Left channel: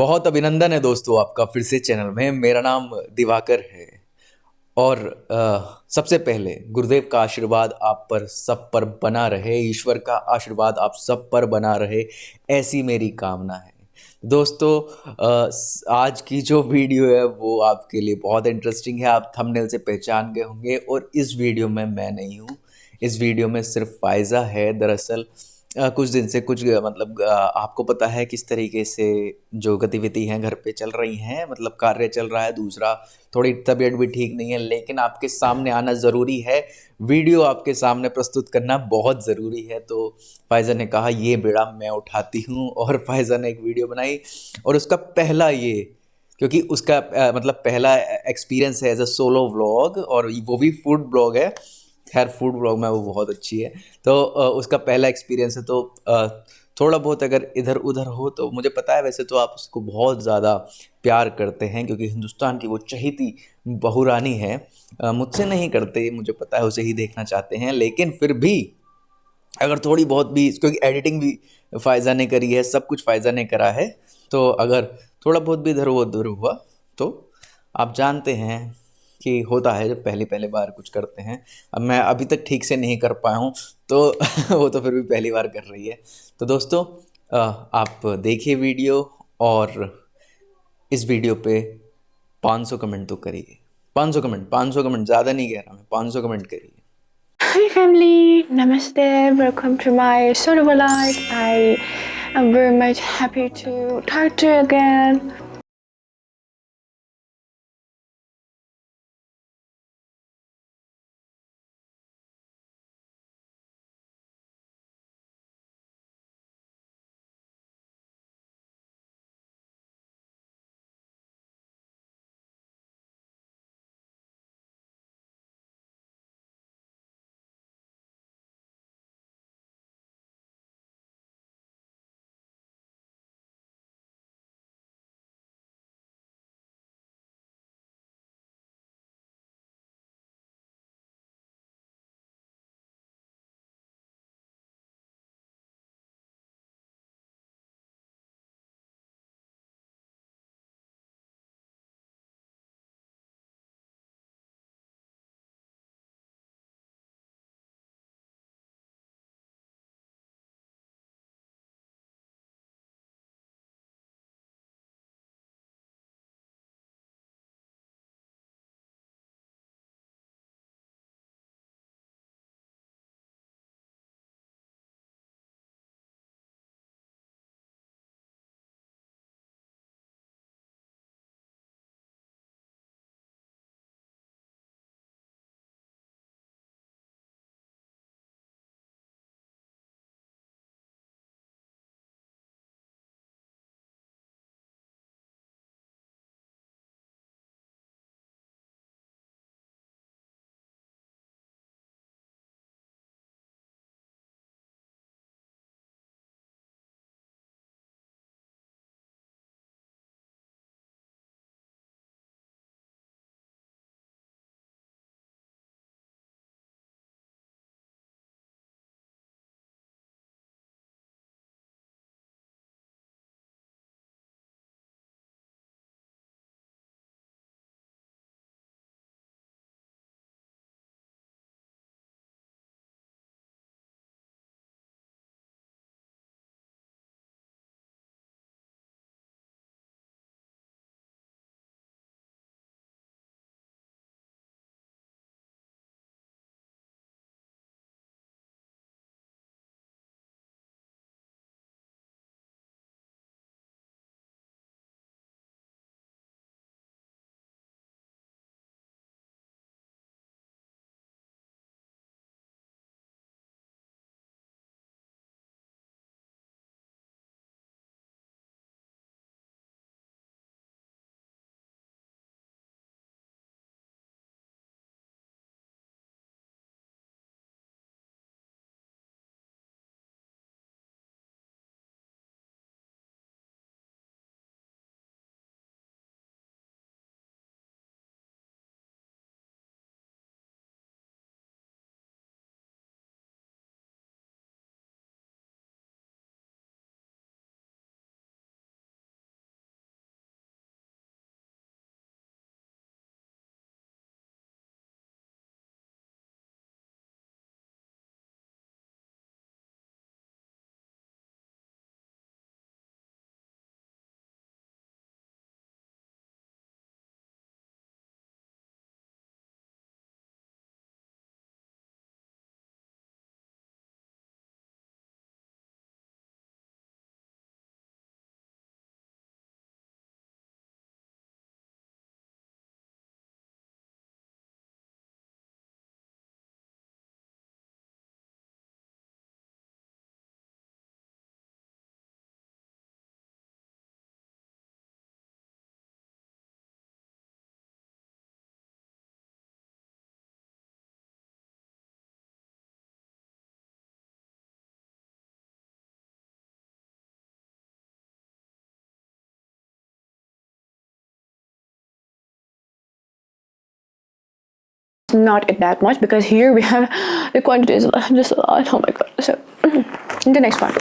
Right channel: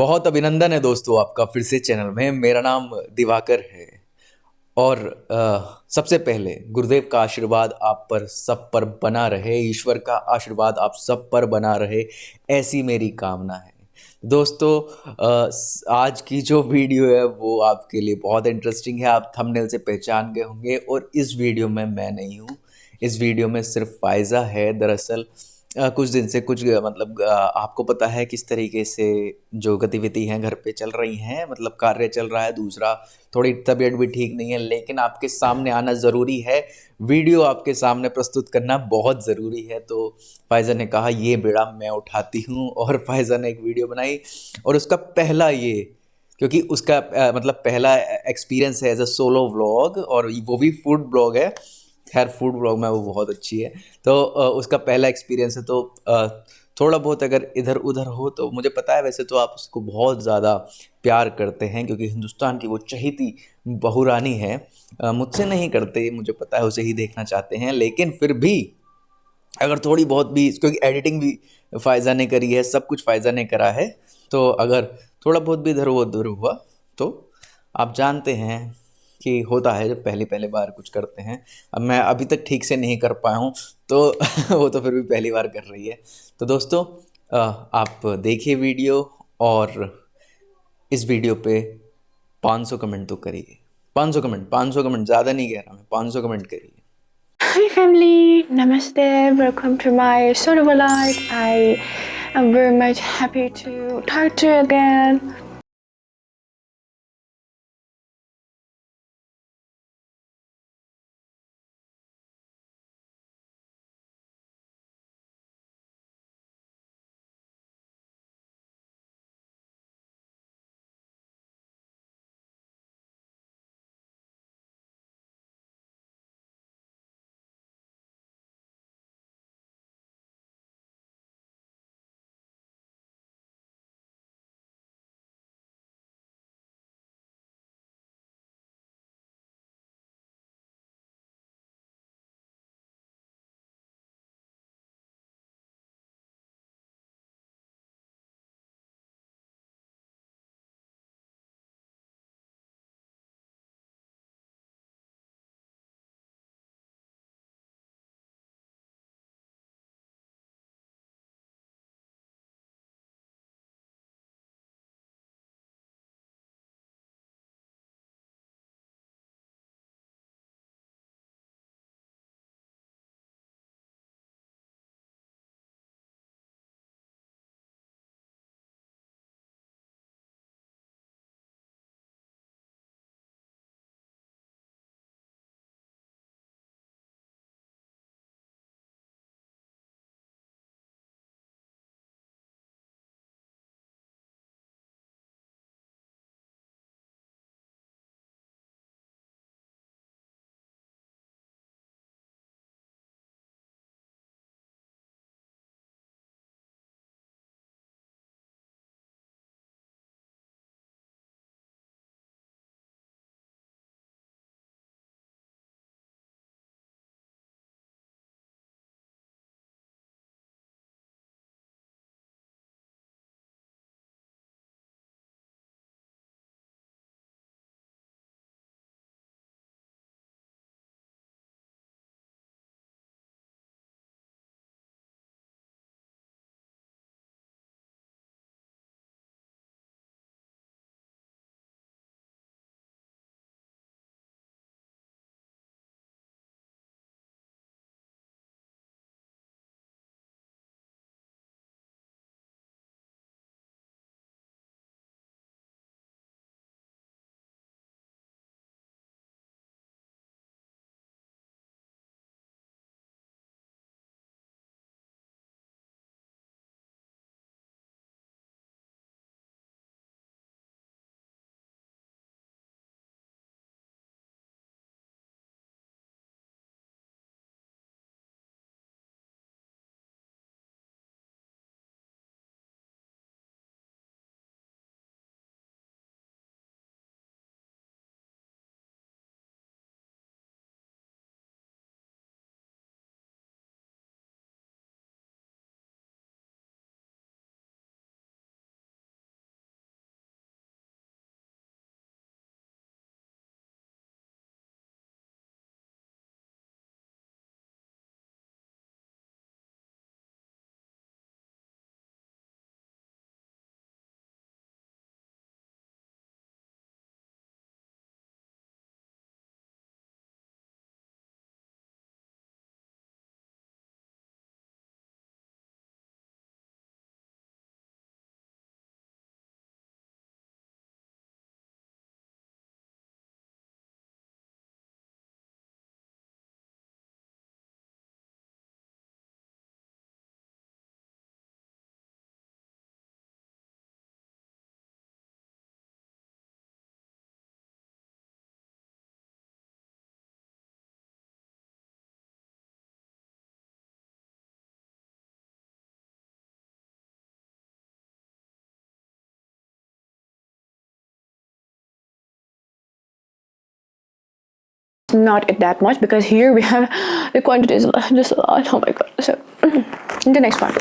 बहुत अभिनंदन है दोस्तों आपका फिर से चैनल में। मेरा नाम दिवाकर है और सबसे पहले गुरुदेव का आशीर्वाद आप पर सब पर बना रहे, ईश्वर का आशीर्वाद आप सब पर बना रहे, ऐसी मेरी कामना है। दोस्तों आज की जो वीडियो है वो आपके लिए बहुत इंटरेस्टिंग है। आप थंबनेल से पहचान गए होंगे और इस वीडियो में मैं नहीं हूँ। इस वीडियो में सिर्फ फ़ायज़ा है। दरअसल कुछ दिन से मतलब आपको पता है किस तरीके से जो गतिविधि हैं घर पे चल रही हैं, मतलब कार्य चल रहा है। दूसरा, थोड़ी तबीयत भी ठीक नहीं है, लेकिन आपके सामने आना ज़रूरी है। वीडियो आपके सामने प्रस्तुत करना बहुत ज़रूरी है। तो फ़ायज़ा ने कहा ये बेड़ा मैं उठाती हूँ और फ़ायज़ा ने एक वीडियो बनाई और उसका पहला ये, क्योंकि उसका मतलब पहला एक्सपीरियंस है एज अ सोलो व्लॉग, और वो भी फूड ब्लॉग है। खैर फूड ब्लॉग में वो बहुत अच्छी है। तो उसका पहला एक्सपीरियंस है। तो थोड़ा बहुत अगर इधर उधर हो तो मुझे पता है, वैसे तो आप उसको बहुत ज़्यादा प्यार करते हैं क्योंकि हिंदुस्तान की वो चहेती बहुरानी है। मुझसे नहीं करते, मुझे पता है, उसे ही देखना चाहते हैं, लेकिन फिर भी अगर थोड़ी बहुत भी, क्योंकि एडिटिंग भी फ़ायज़ा ने करी है, सब कुछ फ़ायज़ा ने करा है, तो अगर थोड़ा बहुत भी इधर उधर हुआ तो आप जानते हैं कि होता है जब पहली पहली बार कुछ करते हैं। अब मैं अभी तक ठीक से नहीं कर पाया हूँ तो वो तो फिर भी पहली बार कर रही है। तो दोस्तों आप देखिए वीडियो, और इस वीडियो पे 500 कमेंट तो करिए। 500 कमेंट, 500 कमेंट, ज़्यादा नहीं कह रहा मैं, 500 कमेंट करिए। Hi family, Namaste, welcome to my solo life. I am very much happy to talk to you again. not that much because here we have the quantity is just a lot. Oh my god. The next one.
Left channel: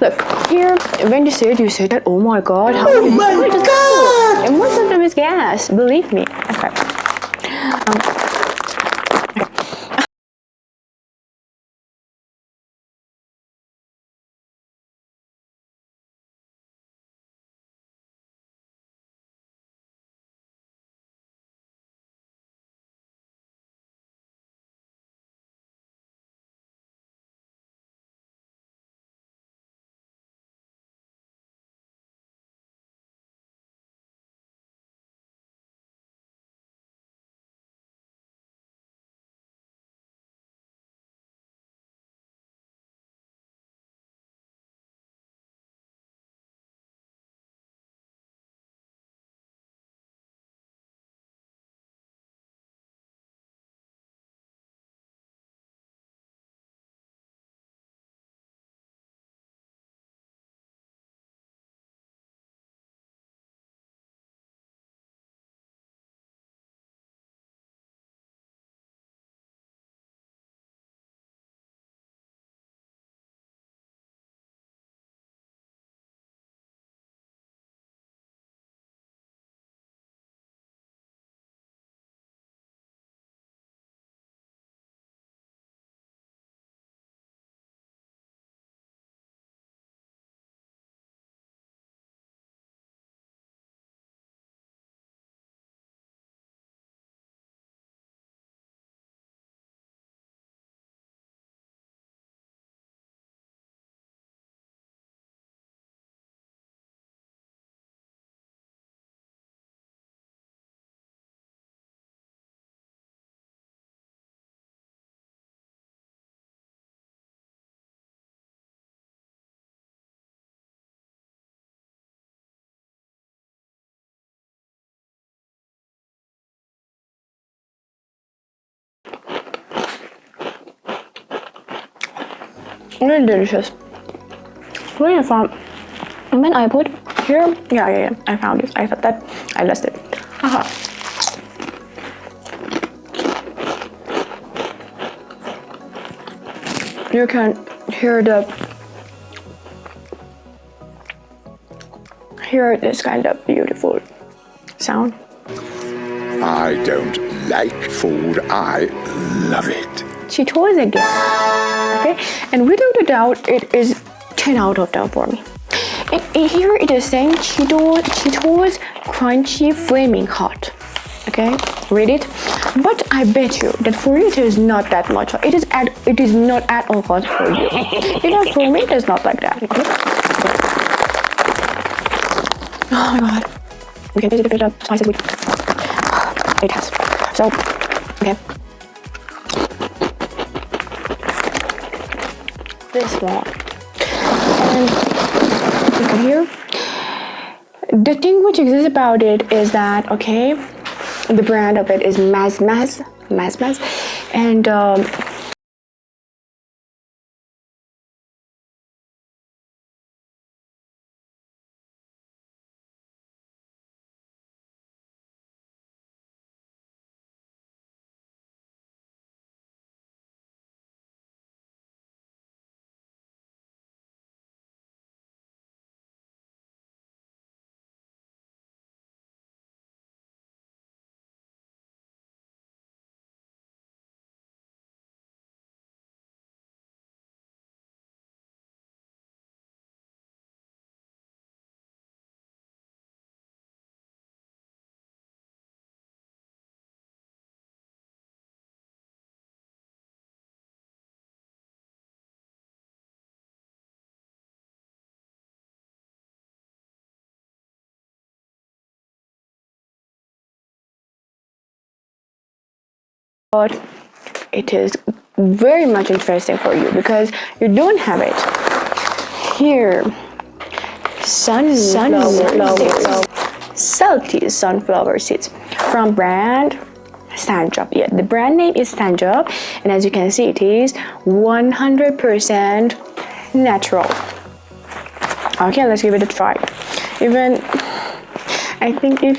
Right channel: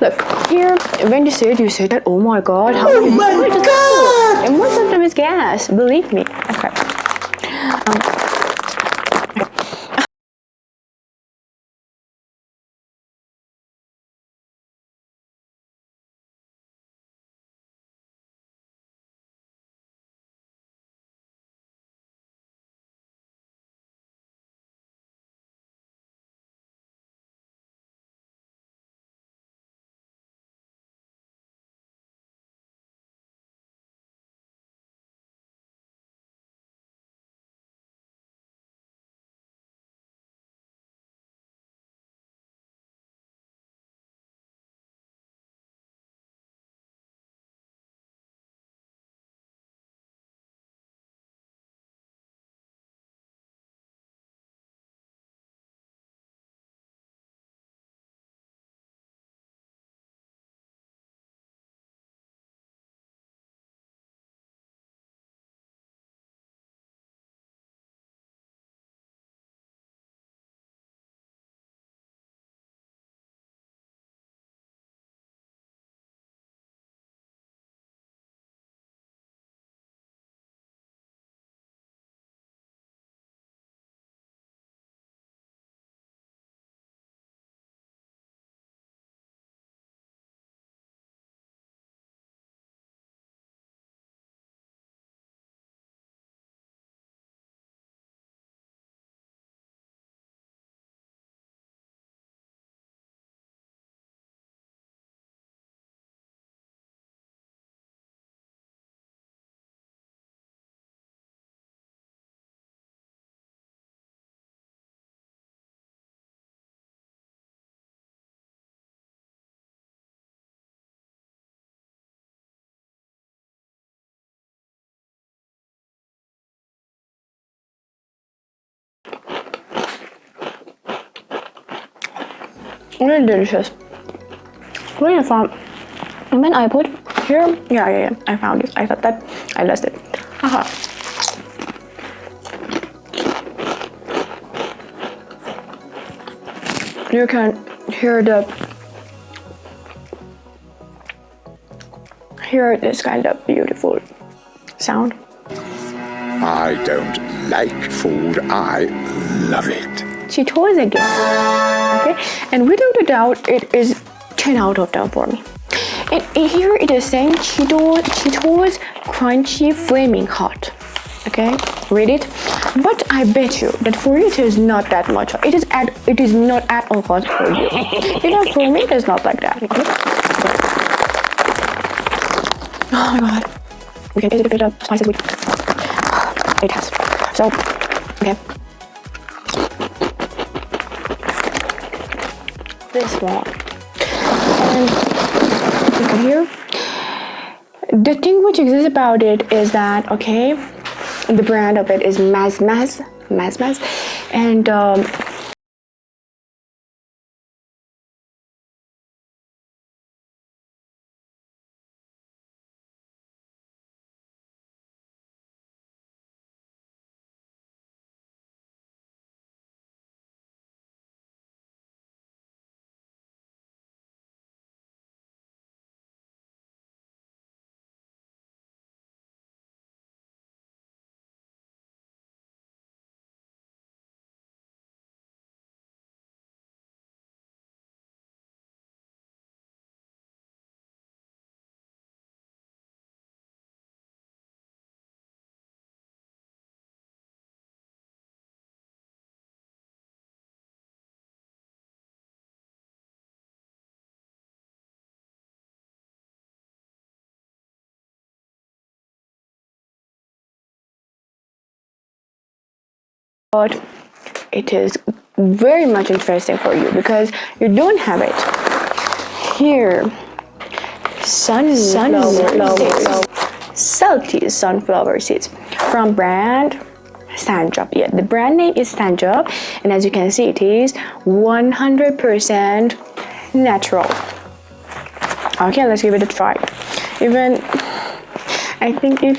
Look, here when you say that, oh my god, how many it wasn't there is gas, believe me. Really delicious. Really fun. And when I put here, yeah, I found this. I thought that I lost it. You can hear this kind of beautiful sound. I don't like food, I love it. She chose again. Okay, and without a doubt, it is 10 out of 10 for me. And here it is saying Cheetos crunchy flaming hot. Okay, read it. But I bet you that for it is not that much. It is not at all hot for you. Because for me it is not like that. Oh my god. Okay, is it better? Spicy with it has. So okay. This one. And okay, here. The thing which exists about it is that okay, the brand of it is Maz, and but it is very much interesting for you because you don't have it here. Salty sunflower seeds from brand Sandrop. Yeah, the brand name is Sandrop, and as you can see, it is 100% natural. Okay, let's give it a try. I think if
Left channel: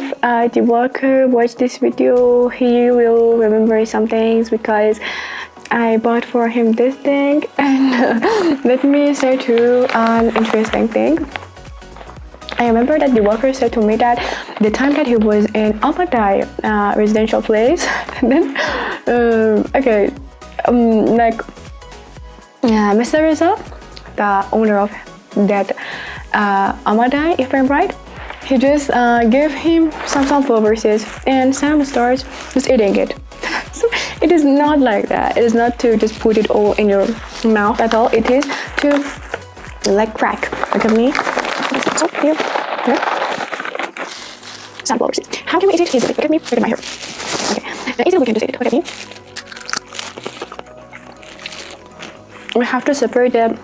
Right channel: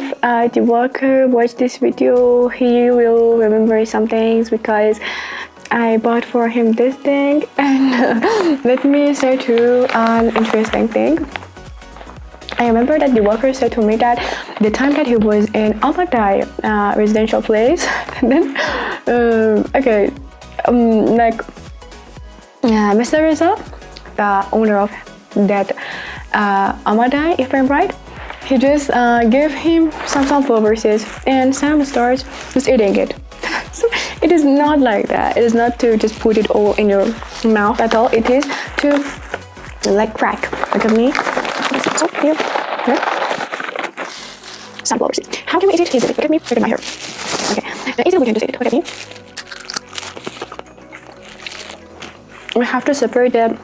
the worker watched this video, he will remember some things because I bought for him this thing. And let me say too an interesting thing. I remember that the worker said to me that the time that he was in Almaty residential place, and then like Mr. Reza, the owner of that Almaty, if I'm right, he just gave him some sunflower verses and Sam starts just eating it. So it is not like that. It is not to just put it all in your mouth at all. It is to like crack. Look at me. So here, sunflower seeds. How can we eat it easily? Look at me. Look at my hair. Okay. Easily we can just eat it. Look at me. We have to separate them.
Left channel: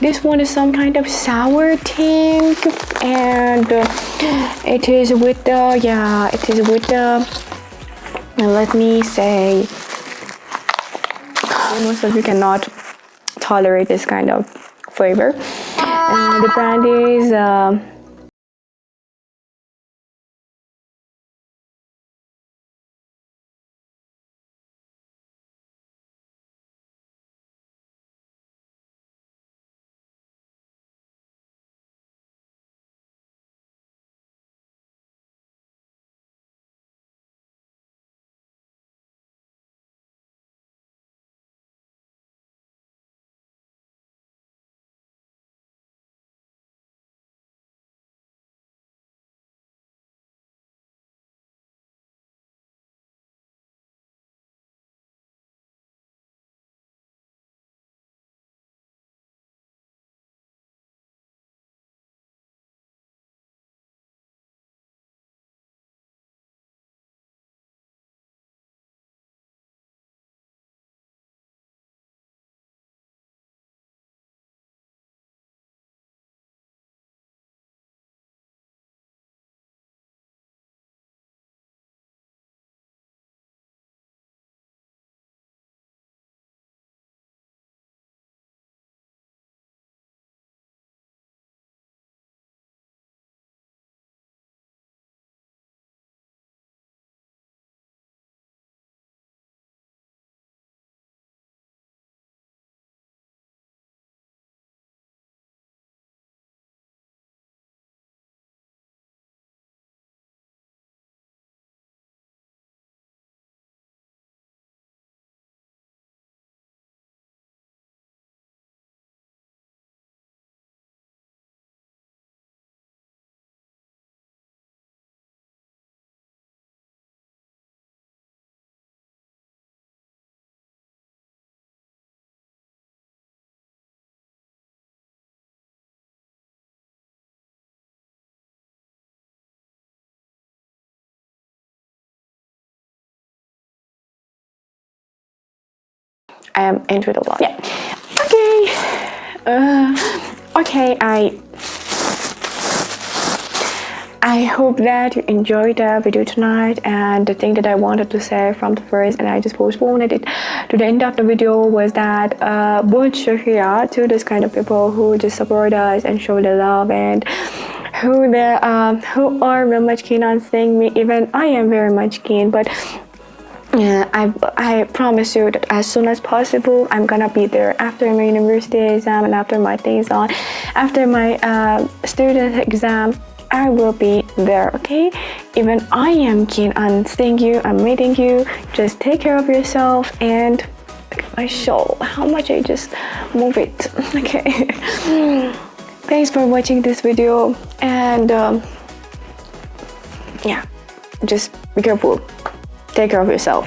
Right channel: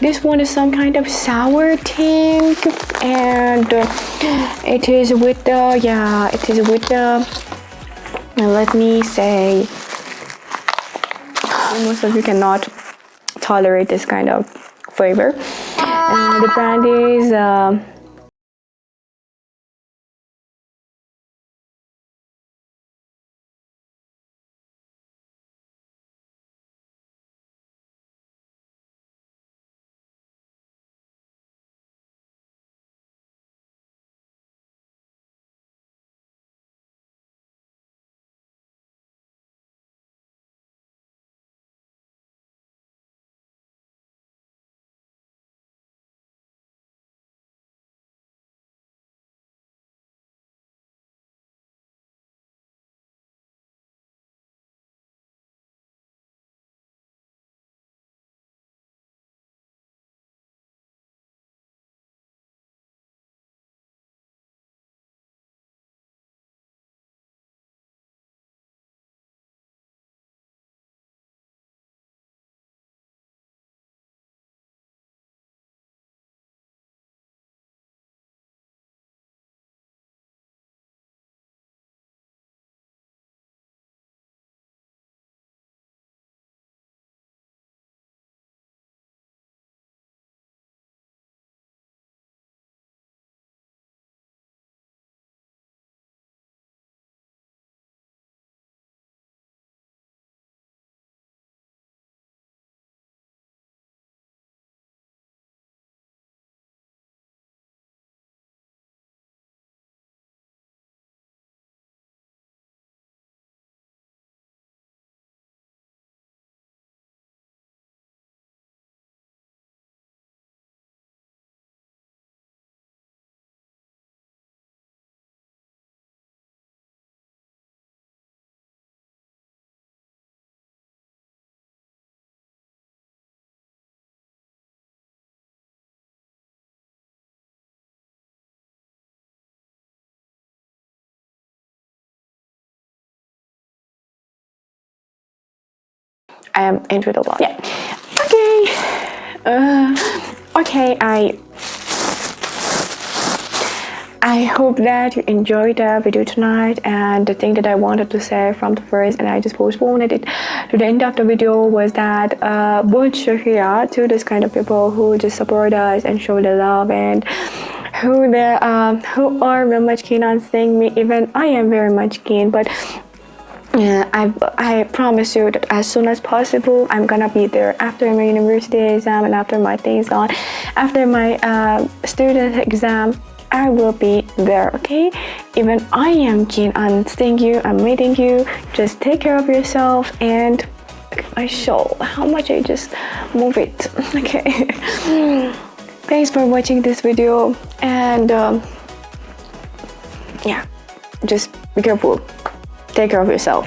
This one is some kind of sour tint, and it is with the let me say, most of you cannot tolerate this kind of flavor. The brand is I am into the one. Yeah. Okay. I hope that you enjoyed the video tonight, and the thing that I wanted to say from the first and I just postponed it to the end of the video was that both here to this kind of people who just support us and show the love, and who are very much keen on seeing me. Even I am very much keen, but I promise you that as soon as possible I'm gonna be there after my university exam and after my things on, after my student exam. I will be there, okay? Even I am keen on seeing you, I'm meeting you. Just take care of yourself and show how much I just move it, okay? Thanks for watching this video, and yeah, just be careful. Take care of yourself.